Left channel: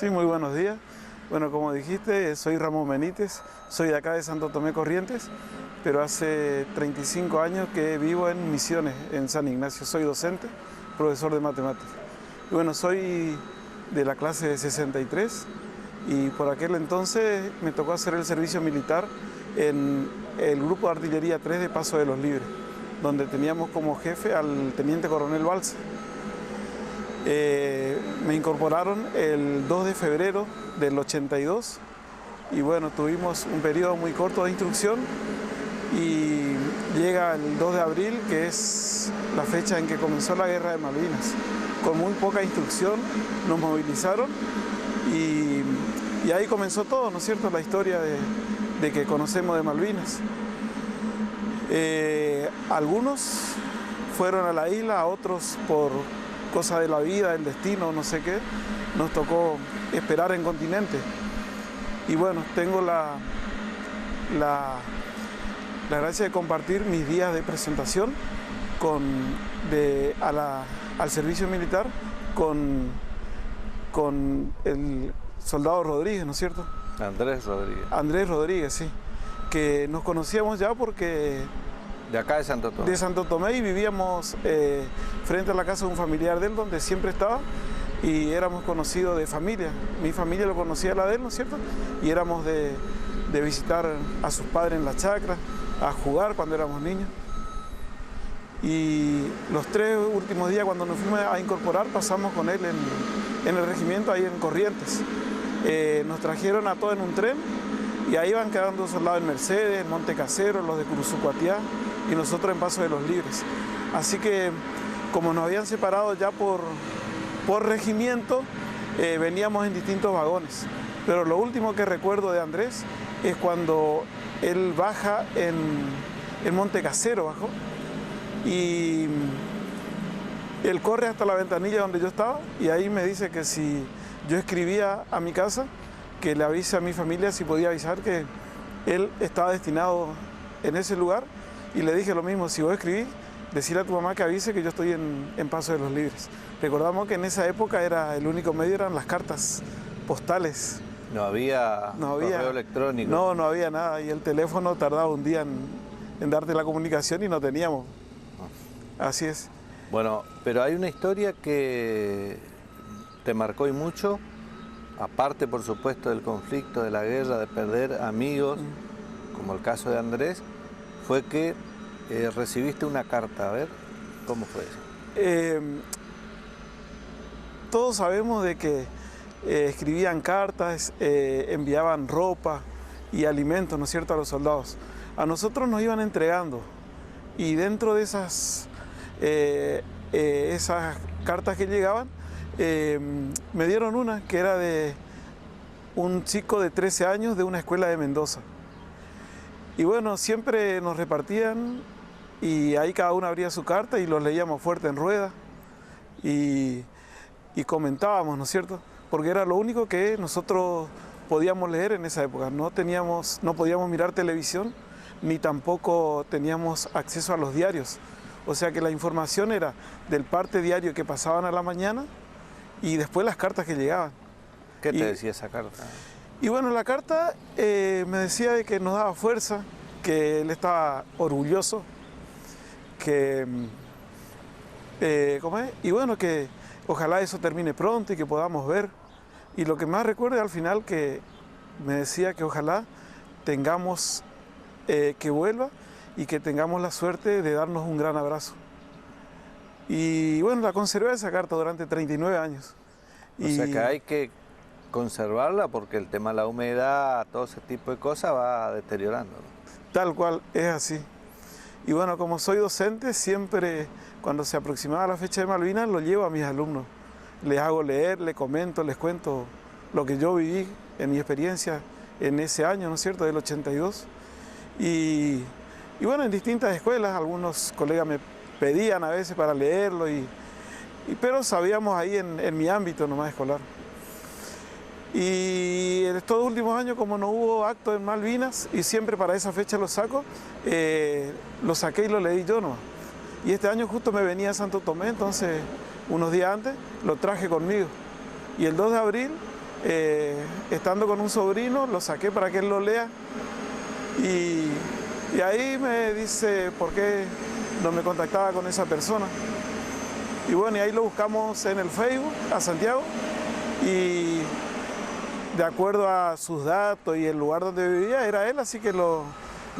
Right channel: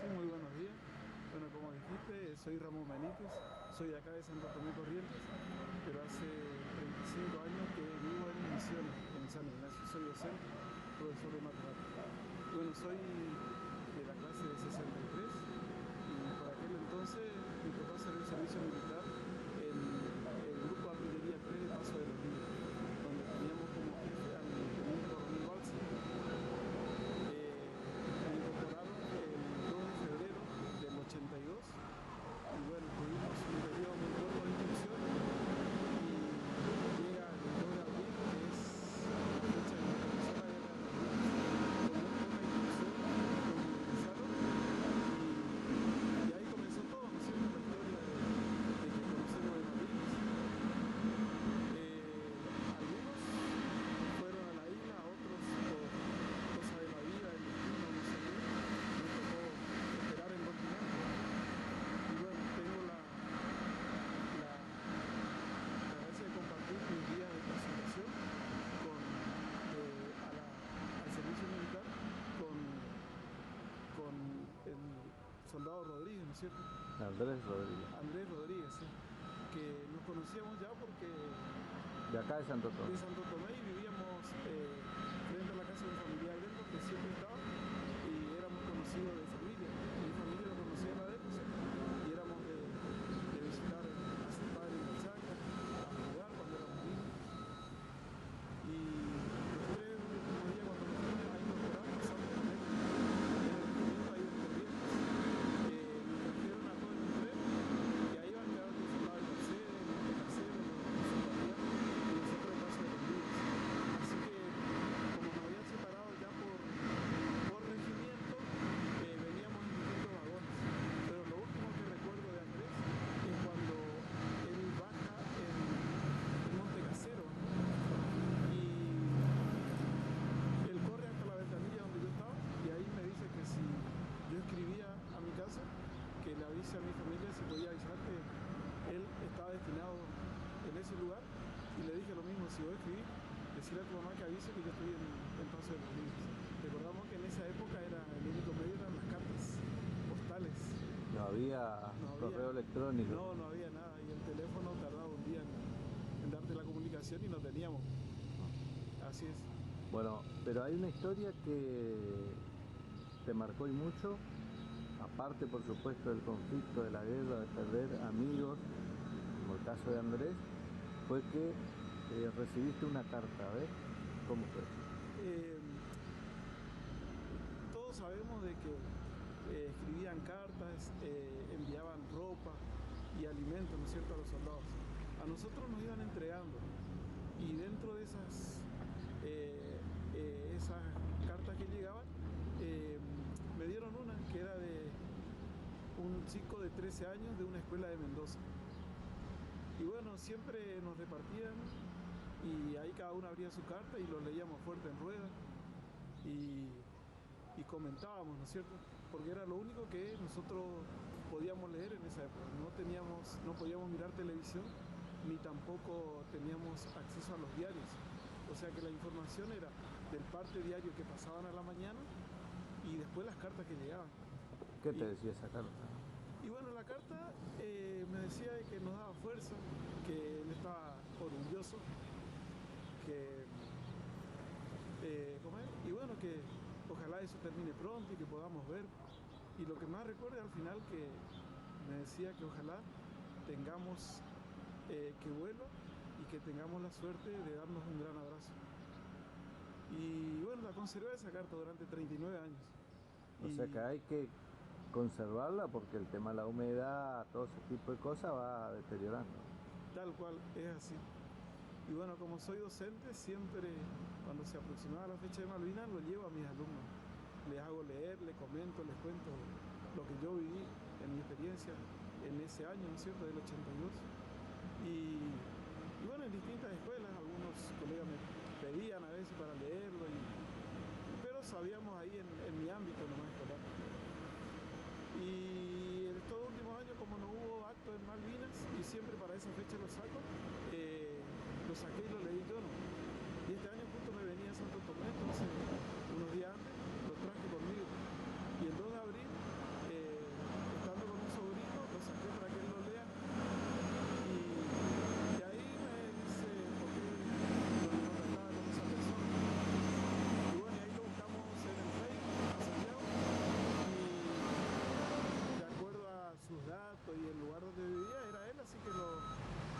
Sí, muy buenos días. Bueno, como dijiste, soy Ramón Benítez, soy de acá de Santo Tomé Corrientes, pero hace 35 años que vivo en Misiones, en San Ignacio. Soy docente, profesor de matemáticas. Y bueno, soy de la clase de 63 y por aquel entonces me tocó hacer el servicio militar en el Grupo de Artillería 3 de Paso de los Libres, donde teníamos como jefe al teniente coronel Balsa. Me incorporaron el 2 de febrero del 82 y bueno, tuvimos un periodo muy corto de instrucción y llega el 2 de abril, que es la fecha en que comenzó la Guerra de Malvinas. Con muy poca instrucción nos movilizaron y ahí comenzó todo, ¿no es cierto?, la historia de que conocemos de Malvinas. Algunos fueron a la isla, a otros por cosa de la vida, del destino, no sé qué, nos tocó esperar en continente. Y bueno, tengo la gracia de compartir mis días de presentación al servicio militar con el soldado Rodríguez, ¿no es cierto? Andrés Rodríguez. Andrés Rodríguez, sí, que nos conocíamos ya porque... De acá de Santo Tomé. De Santo Tomé, y vivíamos frente a la casa de un familiar de él, donde siempre estaba, y éramos conocidos de familia. Mi familia lo conocía a la de él, ¿no es cierto? Y éramos de visitar a sus padres en la chacra, a jugar cuando éramos niños. Y los 3 últimos días, cuando nos fuimos a incorporar, pasamos con él en el regimiento, ahí en Corrientes. Nos trajeron a todos en un tren, y ahí van quedando soldados en Mercedes, en Monte Casero, los de Curuzucuatiá, y nosotros en Paso de los Libres. Así que, como nos habían separado ya por regimiento, veníamos en distintos vagones. Pero lo último que recuerdo de Andrés es cuando él baja en Monte Casero, bajó, y él corre hasta la ventanilla donde yo estaba, y ahí me dice que si yo escribía a mi casa, que le avise a mi familia si podía avisar que él estaba destinado en ese lugar, y le dije lo mismo: si vos escribís, decirle a tu mamá que avise que yo estoy en Paso de los Libres. Recordamos que en esa época el único medio eran las cartas postales. No había correo electrónico. No había nada, y el teléfono tardaba un día en darte la comunicación y no teníamos. Así es. Bueno, pero hay una historia que te marcó y mucho, aparte por supuesto del conflicto, de la guerra, de perder amigos, como el caso de Andrés, fue que recibiste una carta. A ver, ¿cómo fue eso? Todos sabemos de que escribían cartas, enviaban ropa y alimentos, ¿no es cierto?, a los soldados. A nosotros nos iban entregando, y dentro de esas cartas que llegaban, me dieron una que era de un chico de 13 años de una escuela de Mendoza. Y bueno, siempre nos repartían, y ahí cada uno abría su carta y los leíamos fuerte en rueda y comentábamos, ¿no es cierto? Porque era lo único que nosotros podíamos leer en esa época. No podíamos mirar televisión, ni tampoco teníamos acceso a los diarios. O sea que la información era del parte diario que pasaban a la mañana y después las cartas que llegaban. ¿Qué te decía esa carta? Y bueno, la carta me decía de que nos daba fuerza, que él estaba orgulloso, que ¿cómo es? Y bueno, que ojalá eso termine pronto y que podamos ver. Y lo que más recuerdo al final, que me decía que ojalá tengamos que vuelva y que tengamos la suerte de darnos un gran abrazo. Y bueno, la conservé esa carta durante 39 años. O sea que hay que conservarla porque el tema de la humedad, todo ese tipo de cosas va deteriorando, ¿no? Tal cual, es así. Y bueno, como soy docente, siempre cuando se aproximaba la fecha de Malvinas lo llevo a mis alumnos. Les hago leer, les comento, les cuento lo que yo viví en mi experiencia en ese año, ¿no es cierto?, del 82. Y bueno, en distintas escuelas, algunos colegas me pedían a veces para leerlo, pero sabíamos ahí en mi ámbito nomás escolar. Y en estos últimos años, como no hubo acto en Malvinas, y siempre para esa fecha lo saco, lo saqué y lo leí yo nomás. Y este año justo me venía a Santo Tomé, entonces unos días antes lo traje conmigo. Y el 2 de abril estando con un sobrino, lo saqué para que él lo lea y ahí me dice por qué no me contactaba con esa persona. Y bueno, y ahí lo buscamos en el Facebook a Santiago y de acuerdo a sus datos y el lugar donde vivía era él, así que lo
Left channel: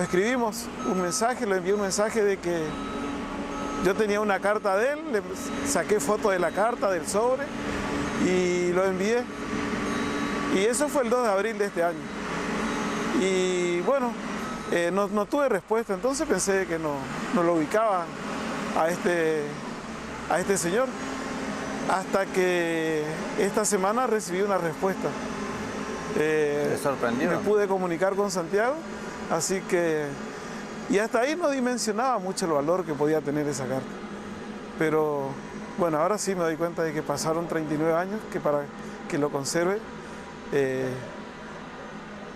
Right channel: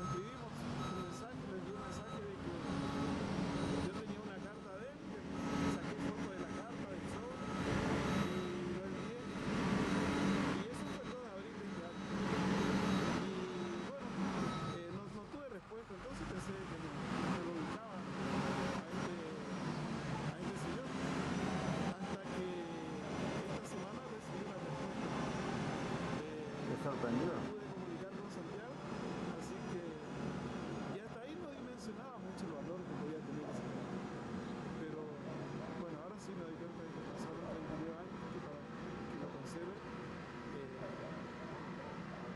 escribimos un mensaje, le envié un mensaje de que yo tenía una carta de él, le saqué foto de la carta, del sobre y lo envié. Y eso fue el 2 de abril de este año. Y bueno, no tuve respuesta, entonces pensé que no lo ubicaba a este señor. Hasta que esta semana recibí una respuesta. ¿Te sorprendió? Me pude comunicar con Santiago, así que... Y hasta ahí no dimensionaba mucho el valor que podía tener esa carta. Pero bueno, ahora sí me doy cuenta de que pasaron 39 años, que para que lo conserve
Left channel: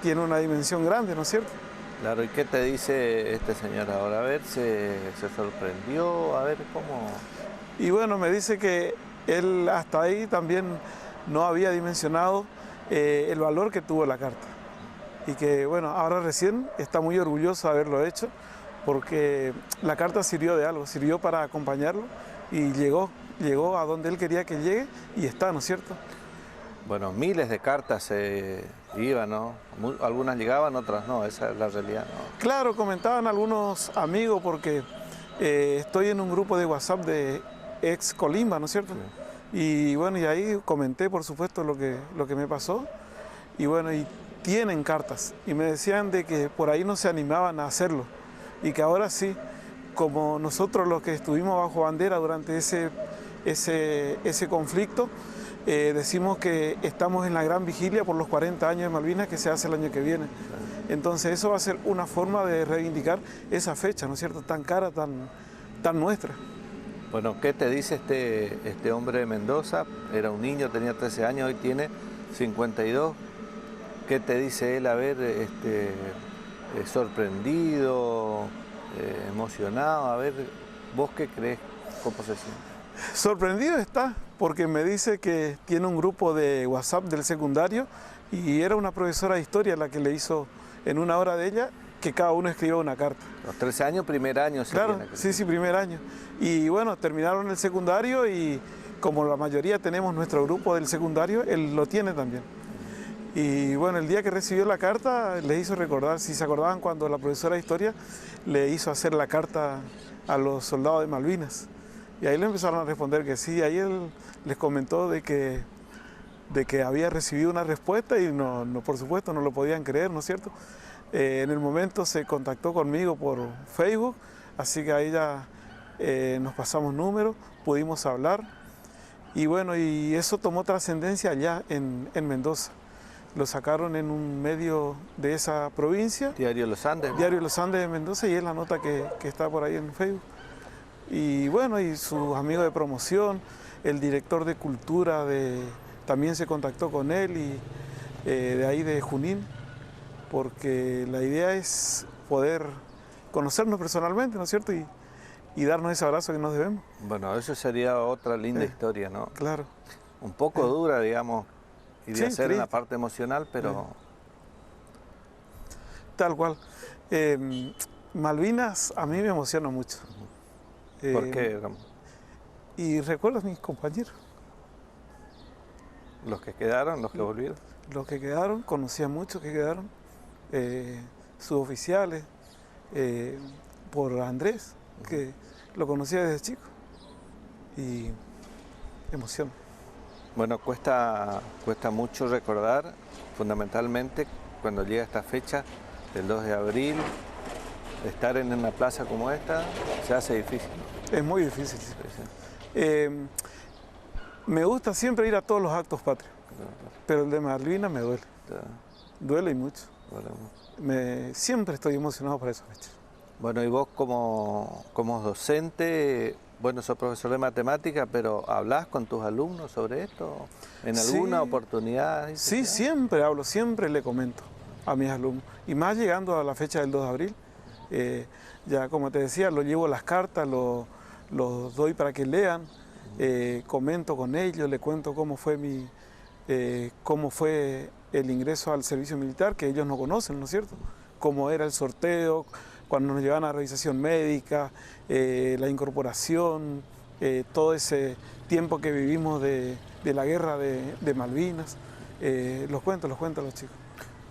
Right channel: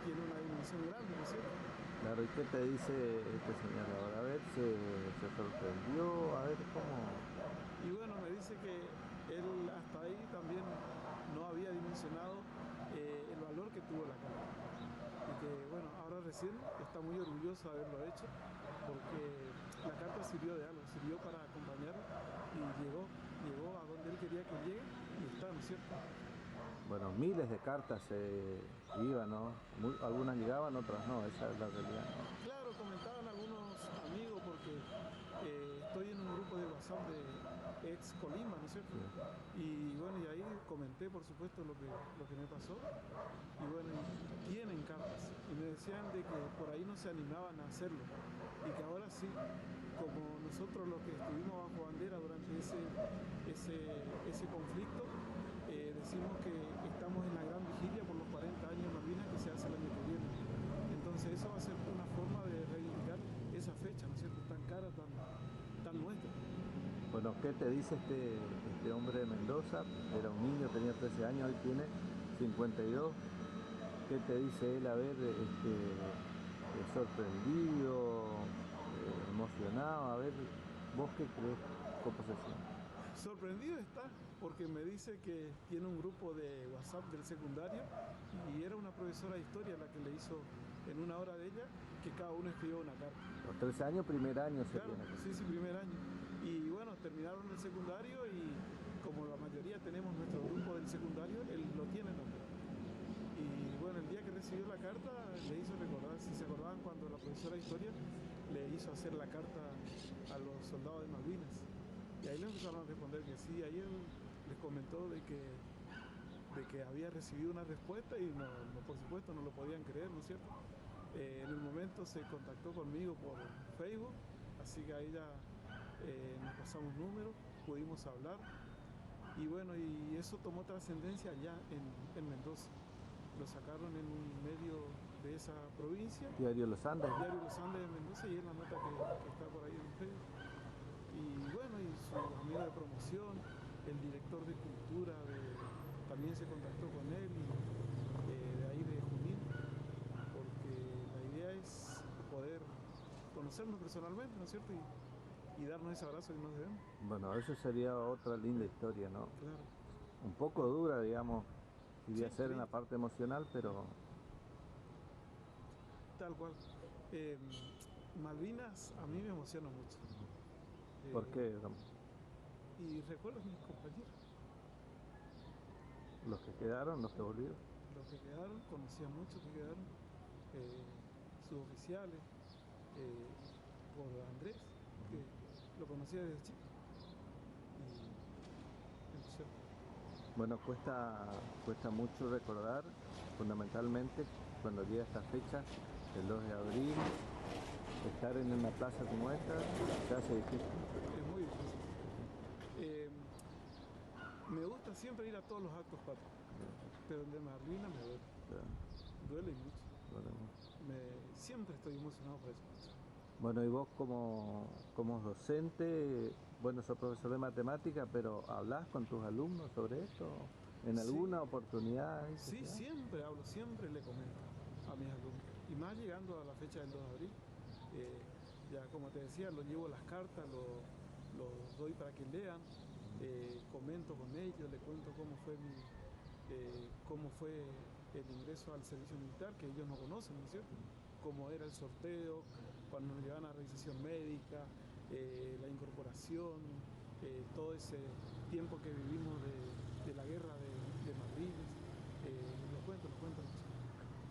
tiene una dimensión grande, ¿no es cierto? Claro, ¿y qué te dice este señor ahora? A ver, ¿se sorprendió? A ver, ¿cómo...? Y bueno, me dice que él hasta ahí también no había dimensionado el valor que tuvo la carta. Y que bueno, ahora recién está muy orgulloso de haberlo hecho, porque la carta sirvió de algo, sirvió para acompañarlo y llegó a donde él quería que llegue y está, ¿no es cierto? Bueno, miles de cartas iban, ¿no? Algunas llegaban, otras no, esa es la realidad, ¿no? Claro, comentaban algunos amigos, porque estoy en un grupo de WhatsApp de ex Colimba, ¿no es cierto? Sí. Y bueno, y ahí comenté, por supuesto, lo que me pasó. Y bueno, y tienen cartas. Y me decían de que por ahí no se animaban a hacerlo. Y que ahora sí, como nosotros los que estuvimos bajo bandera durante ese conflicto, decimos que estamos en la gran vigilia por los 40 años de Malvinas que se hace el año que viene. Entonces eso va a ser una forma de reivindicar esa fecha, ¿no es cierto?, tan cara, tan nuestra. Bueno, ¿qué te dice este hombre de Mendoza? Era un niño, tenía 13 años, hoy tiene 52. ¿Qué te dice él? A ver, sorprendido, emocionado, a ver, ¿vos qué crees? ¿Cómo se siente? Sorprendido está, porque me dice que tiene un grupo de WhatsApp del secundario y era una profesora de historia la que le hizo en una hora de ella que cada uno escribió una carta. Los 13 años, primer año. Claro, sí, primer año. Y bueno, terminaron el secundario y como la mayoría tenemos nuestro grupo del secundario, él lo tiene también. Y bueno, el día que recibió la carta le hizo recordar, si se acordaban cuando la profesora de historia le hizo hacer la carta a los soldados de Malvinas. Y ahí le empezaron a responder que sí, ahí él les comentó de que había recibido una respuesta y por supuesto no lo podían creer, ¿no es cierto? En el momento se contactó conmigo por Facebook, así que ahí ya nos pasamos números, pudimos hablar y bueno, y eso tomó trascendencia allá en Mendoza. Lo sacaron en un medio de esa provincia. Diario Los Andes. Diario Los Andes de Mendoza, y es la nota que está por ahí en Facebook. Y bueno, y sus amigos de promoción, el director de cultura también se contactó con él, y de ahí de Junín, porque la idea es poder conocernos personalmente, ¿no es cierto? Y darnos ese abrazo que nos debemos. Bueno, eso sería otra linda historia, ¿no? Claro. Un poco dura, digamos, y de hacer en la parte emocional, pero... Tal cual. Malvinas a mí me emociona mucho. ¿Por qué? Y recuerdo a mis compañeros. ¿Los que quedaron, los que volvieron? Los que quedaron, conocí a muchos que quedaron, suboficiales, por Andrés, que lo conocía desde chico, y emoción. Bueno, cuesta mucho recordar, fundamentalmente cuando llega esta fecha del 2 de abril, estar en una plaza como esta se hace difícil. Es muy difícil. Sí, sí. Me gusta siempre ir a todos los actos patrios, pero el de Malvinas me duele. Duele y mucho. Siempre estoy emocionado por esa fecha. Bueno, y vos como docente, bueno, sos profesor de matemática, pero ¿hablás con tus alumnos sobre esto? ¿En alguna oportunidad? Sí, siempre hablo, siempre le comento a mis alumnos. Y más llegando a la fecha del 2 de abril, ya como te decía, lo llevo las cartas, los doy para que lean, comento con ellos, le cuento cómo fue cómo fue el ingreso al servicio militar, que ellos no conocen, ¿no es cierto? Cómo era el sorteo, cuando nos llevaban a revisación médica, la incorporación, todo ese tiempo que vivimos de la guerra de Malvinas. Los cuento a los chicos.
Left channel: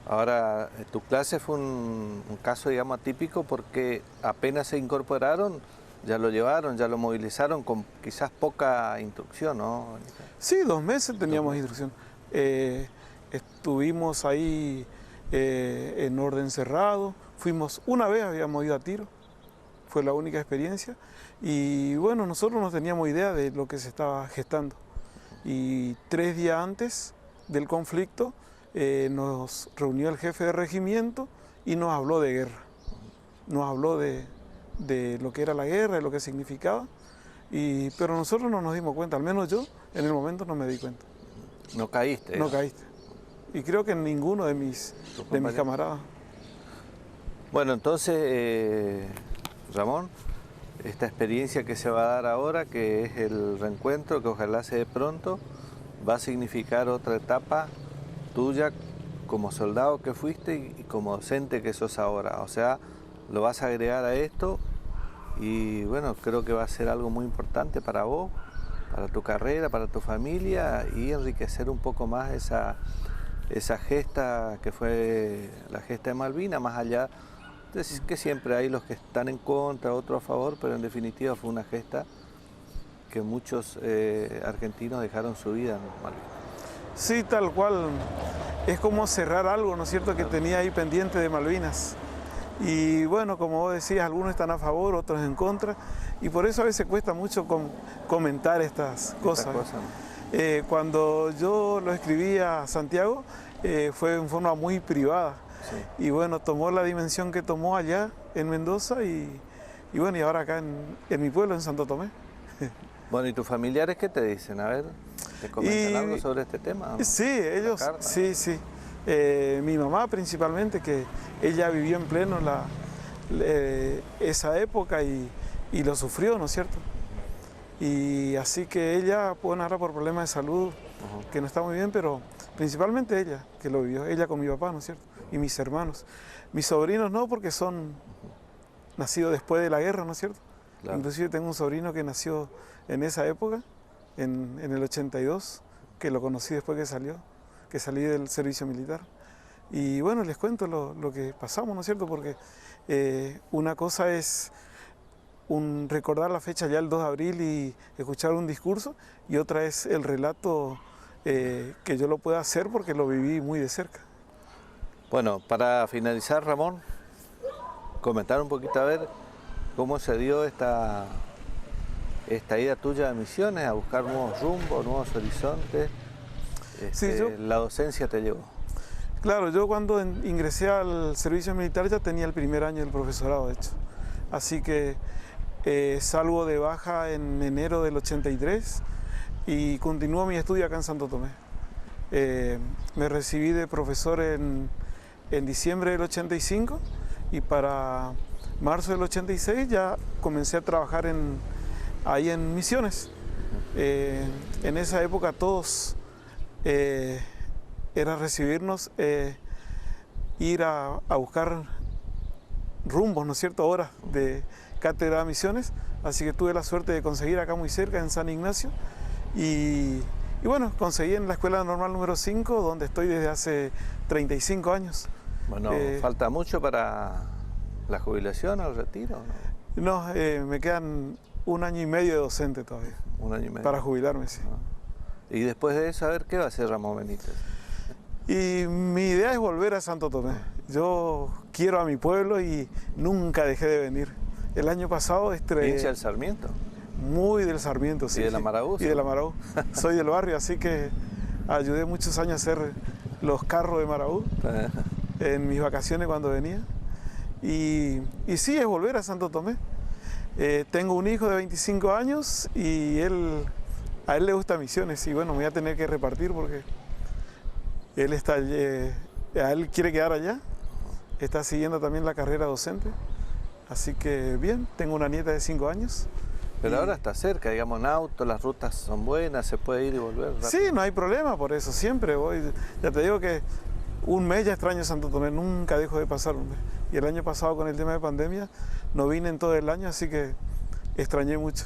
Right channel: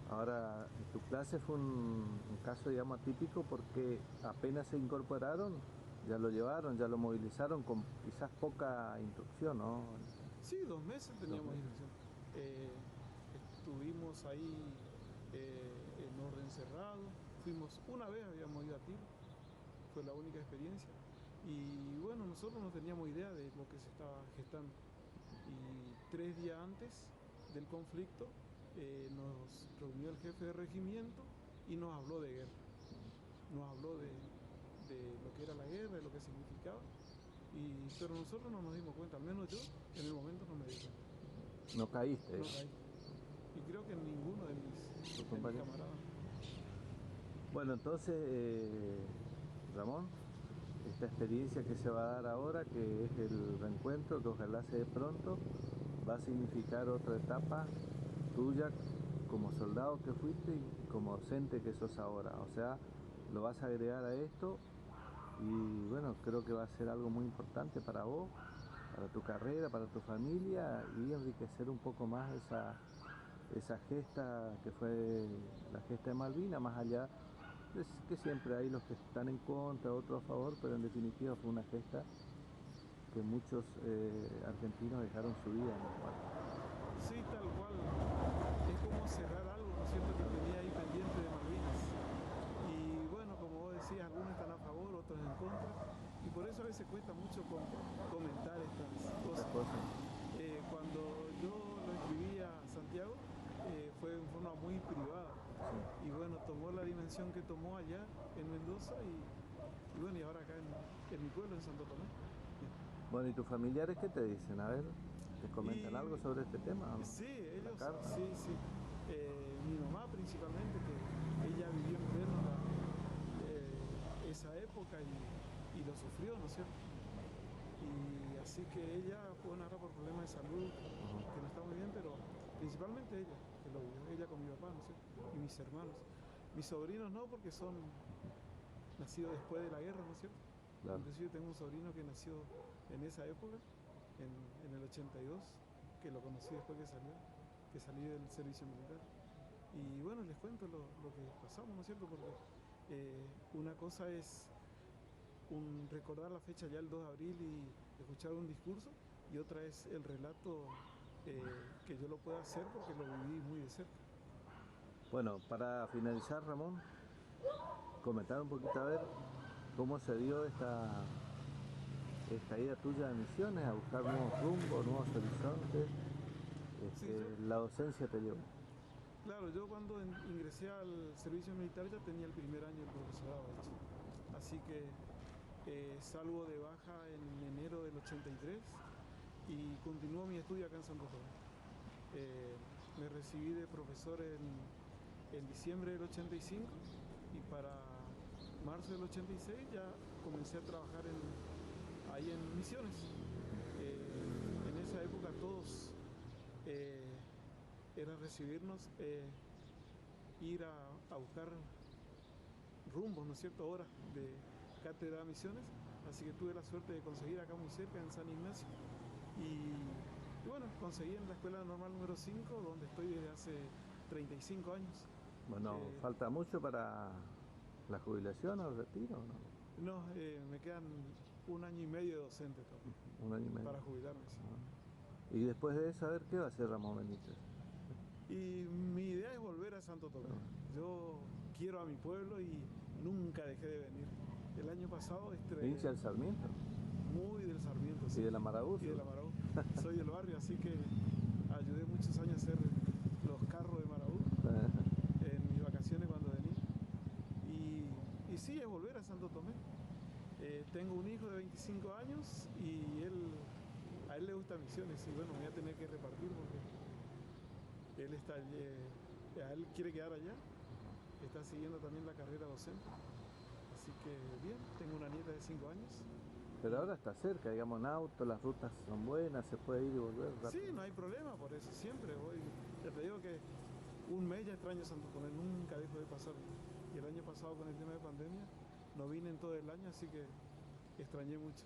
Ahora, tu clase fue un caso, digamos, atípico porque apenas se incorporaron, ya lo llevaron, ya lo movilizaron con quizás poca instrucción, ¿no? Sí, 2 meses teníamos instrucción. Estuvimos ahí en orden cerrado, fuimos una vez, habíamos ido a tiro, fue la única experiencia. Y bueno, nosotros no teníamos idea de lo que se estaba gestando. Y 3 días antes del conflicto, nos reunió el jefe de regimiento y nos habló de guerra. Nos habló de lo que era la guerra, de lo que significaba, pero nosotros no nos dimos cuenta, al menos yo en el momento no me di cuenta. ¿No caíste? No caíste. Y creo que en ninguno de mis camaradas. Bueno, entonces, Ramón, esta experiencia que se va a dar ahora, que es el reencuentro, que ojalá se dé pronto, va a significar otra etapa tuya como soldado que fuiste y como docente que sos ahora. O sea, lo vas a agregar a esto y bueno, creo que va a ser algo muy importante para vos, para tu carrera, para tu familia y enriquecer un poco más esa gesta que fue la gesta de Malvinas, más allá de que siempre hay los que están en contra, otros a favor, pero en definitiva fue una gesta que muchos argentinos dejaron su vida en Malvinas. Sí, tal cual. Es como cerrar algo, ¿no es cierto?, que tenía ahí pendiente de Malvinas. Y bueno, como vos decías, algunos están a favor, otros en contra. Y por eso a veces cuesta mucho comentar estas cosas. Cuando yo lo escribí a Santiago, fue en forma muy privada. Sí. Y bueno, tomó la dimensión que tomó allá en Mendoza y bueno, y ahora acá en mi pueblo, en Santo Tomé. Bueno, ¿y tus familiares qué te dicen? A ver, ¿te comentan algo sobre este tema? Sí, ellos, sí. Mi mamá principalmente, que ella vivió en pleno esa época y lo sufrió, ¿no es cierto? Y así que ella, bueno, ahora por problemas de salud, que no está muy bien, pero principalmente ella, que lo vivió, ella con mi papá, ¿no es cierto? Y mis hermanos. Mis sobrinos no, porque son nacidos después de la guerra, ¿no es cierto? Claro. Inclusive tengo un sobrino que nació en esa época, en el 82, que lo conocí después que salí del servicio militar. Y bueno, les cuento lo que pasamos, ¿no es cierto? Porque una cosa es recordar la fecha ya el 2 de abril y escuchar un discurso, y otra es el relato que yo lo pueda hacer porque lo viví muy de cerca. Bueno, para finalizar, Ramón, comentar un poquito a ver cómo se dio esta ida tuya a Misiones, a buscar nuevos rumbos, nuevos horizontes. Sí, la docencia te llevó. Claro, yo cuando ingresé al servicio militar ya tenía el primer año del profesorado, de hecho. Así que salgo de baja en enero del 83 y continúo mi estudio acá en Santo Tomé. Me recibí de profesor en diciembre del 85 y para marzo del 86 ya comencé a trabajar ahí en Misiones. En esa época todos era recibirnos, ir a buscar rumbos, ¿no es cierto?, horas de cátedra de Misiones, así que tuve la suerte de conseguir acá muy cerca, en San Ignacio, y bueno, conseguí en la Escuela Normal número 5, donde estoy desde hace 35 años. Bueno, ¿falta mucho para la jubilación o el retiro? No, me quedan 1 año y medio de docente todavía. 1 año y medio. Para jubilarme, sí. Y después de eso, a ver, ¿qué va a hacer Ramón Benítez? Y mi idea es volver a Santo Tomé. Yo quiero a mi pueblo y nunca dejé de venir. El año pasado ¿Hincha del Sarmiento? Muy del Sarmiento, sí. ¿Y de la Maraú? Y de la Maraú. Soy del barrio, así que ayudé muchos años a hacer los carros de Maraú en mis vacaciones cuando venía. Y sí, es volver a Santo Tomé. Tengo un hijo de 25 años y a él le gusta Misiones y bueno, me voy a tener que repartir porque él él quiere quedar allá, está siguiendo también la carrera docente, así que bien, tengo una nieta de 5 años Pero ahora está cerca, digamos, en auto, las rutas son buenas, se puede ir y volver rápido. Sí, no hay problema por eso, siempre voy. Ya te digo que un mes ya extraño Santo Tomé, nunca dejo de pasar un mes. Y el año pasado con el tema de pandemia no vine en todo el año, así que extrañé mucho.